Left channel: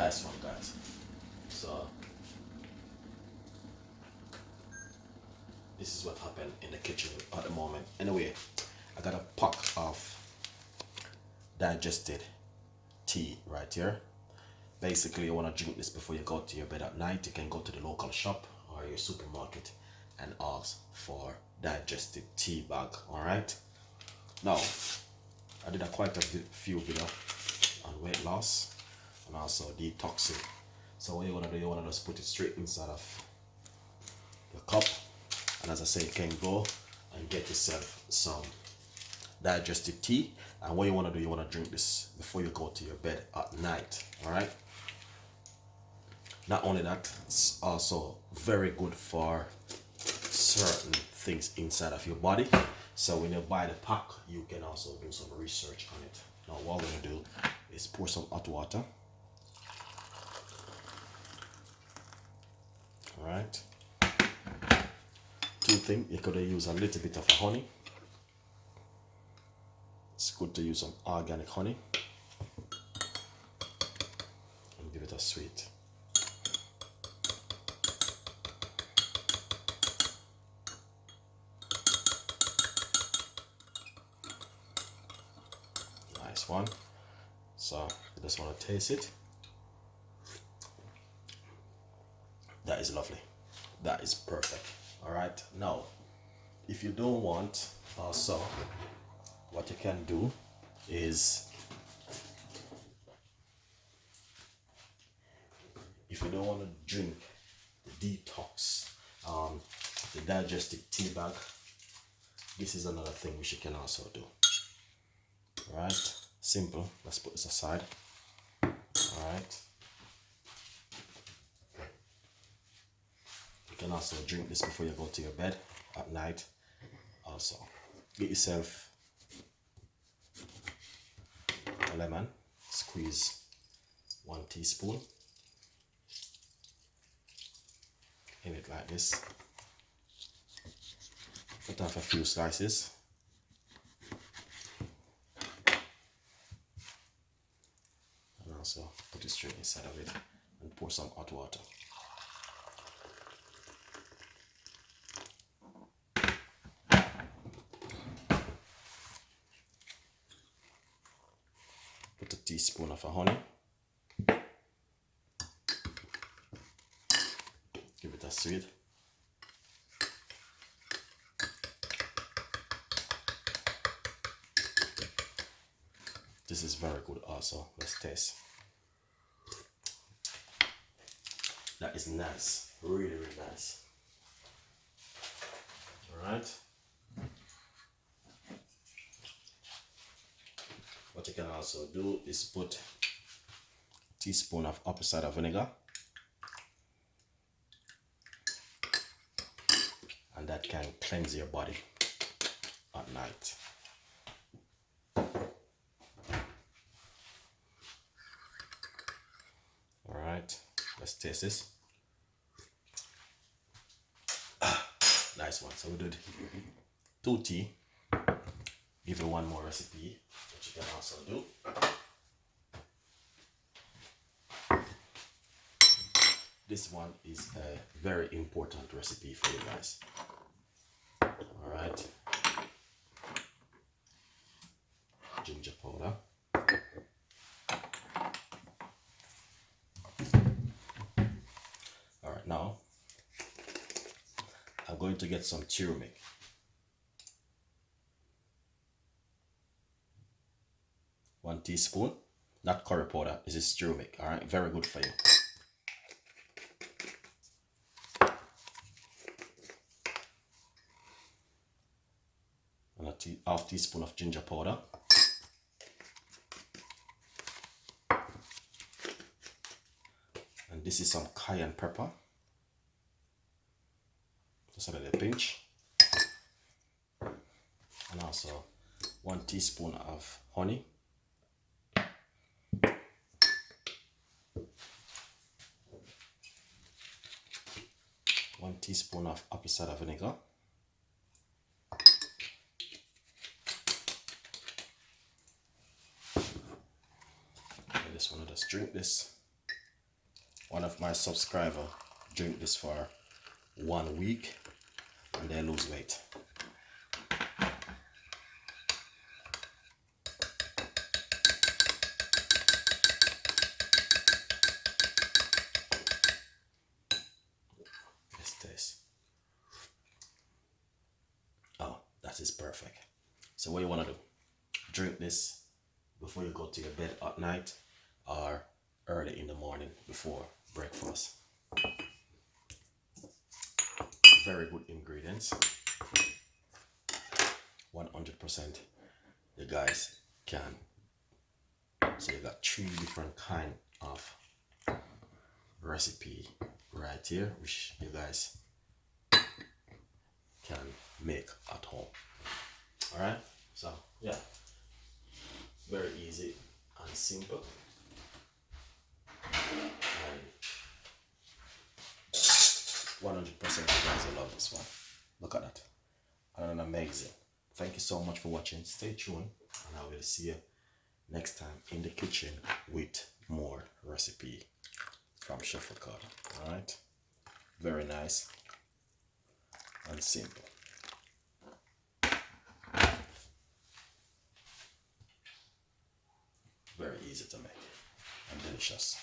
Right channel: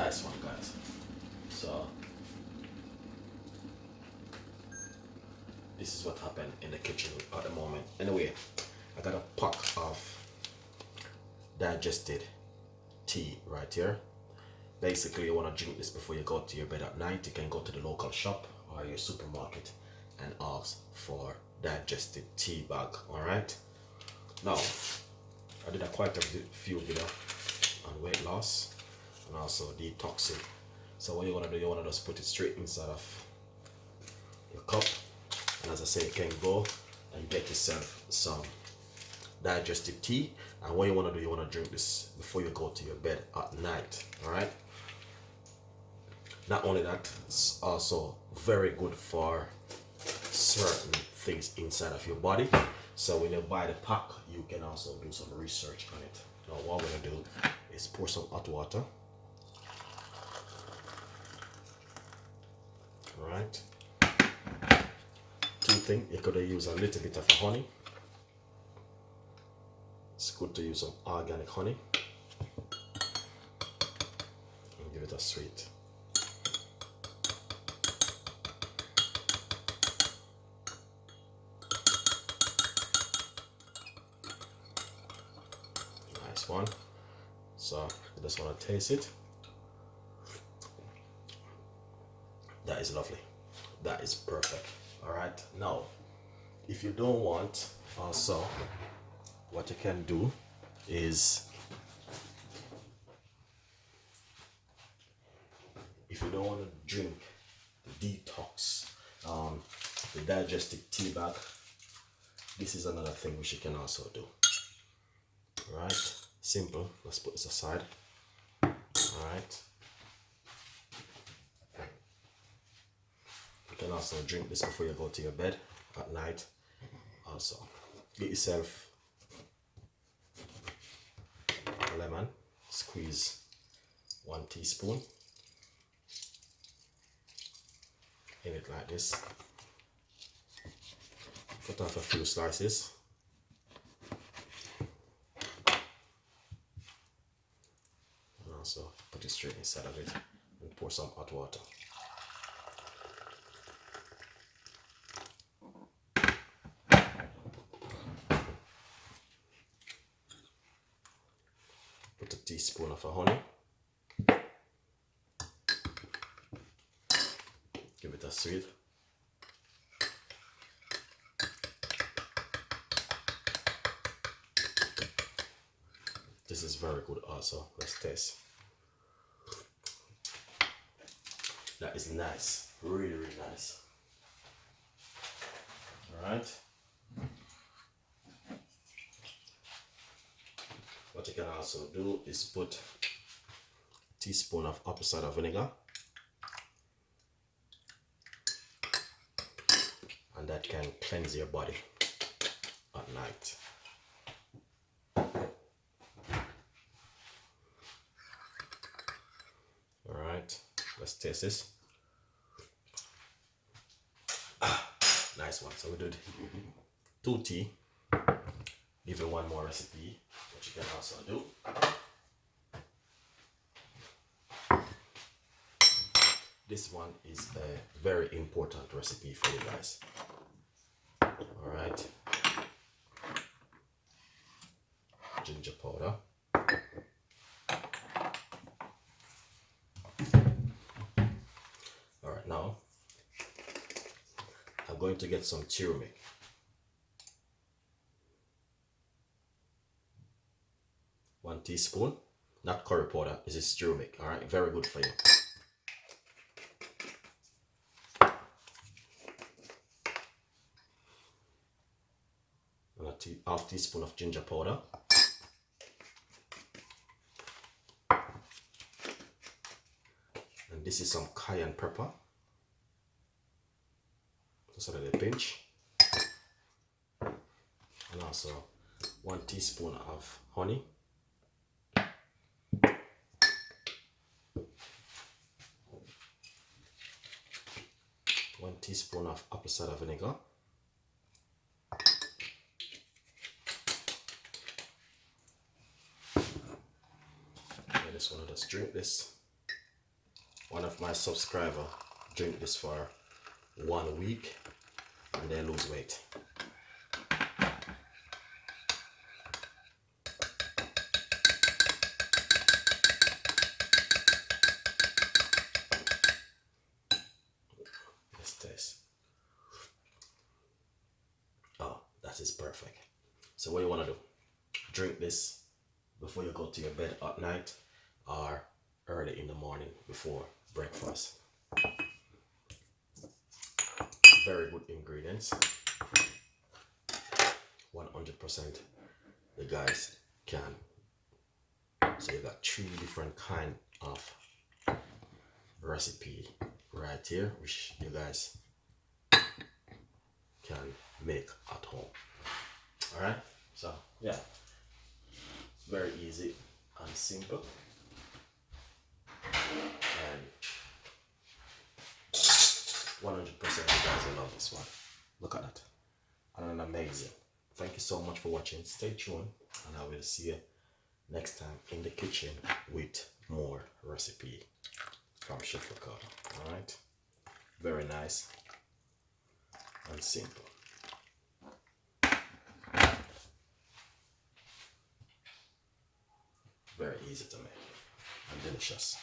Nice one, guys. So this is what happened in the kitchen at the moment. Anyway, I got a pack of digested tea right here. Basically, you want to drink this before you go to your bed at night. You can go to the local shop or your supermarket and ask for digestive tea bag. All right. Now, I did quite a few videos on weight loss and also detoxing. So what you want to do, you want to just put it straight inside of your cup. And as I say, you can go and get yourself some digestive tea. And what you want to do, you want to drink this before you go to your bed at night. All right. Not only that, it's also very good for certain things inside of your body. So when you buy the pack, you can also do some research on it. Now what we're gonna do is pour some hot water. All right. Two things, you could use a little bit of honey. It's good to use some organic honey. And give it a sweet. Nice one. So you just want to taste it. That is lovely. That is perfect. All right. Now, if you don't want, also, what you can do is, if you don't want to drink the detox, the digestive tea bag, this is another thing which you can also do. All right. Simple. Let's put this aside. All right. You can also drink this before you go to your bed at night. Also, get yourself a lemon, squeeze 1 teaspoon in it like this. Cut off a few slices. And also put it straight inside of it and pour some hot water. Put a teaspoon of honey. Give it a sweet. This is very good also. Let's taste. That is nice. Really, really nice. Alright. What you can also do is put a teaspoon of apple cider vinegar, and that can cleanse your body at night. Alright, let's taste this. Nice one. So we did 2 tea. Give you one more recipe, which you can also do. This one is a very important recipe for you guys. All right. Ginger powder. All right, now I'm going to get some turmeric. 1 teaspoon, not curry powder, this is turmeric. All right, very good for you. And a half teaspoon of ginger powder. And this is some cayenne pepper. Just a little pinch. And also 1 teaspoon of honey. 1 teaspoon of apple cider vinegar. I just want to just drink this. One of my subscribers drink this for 1 week and they lose weight. Let's taste. Oh, that is perfect. So what you want to do? Drink this before you go to your bed at night or early in the morning before breakfast. Very good ingredients. 100% you guys can. So you got 3 different kind of recipe right here which you guys can make at home. All right, so yeah, very easy and simple, and 100% you guys will love this one. Look at that, and amazing. Thank you so much for watching. Stay tuned and I will see you next time in the kitchen with more recipe from Chef Ricardo. All right, very nice and simple. Very easy to make and delicious.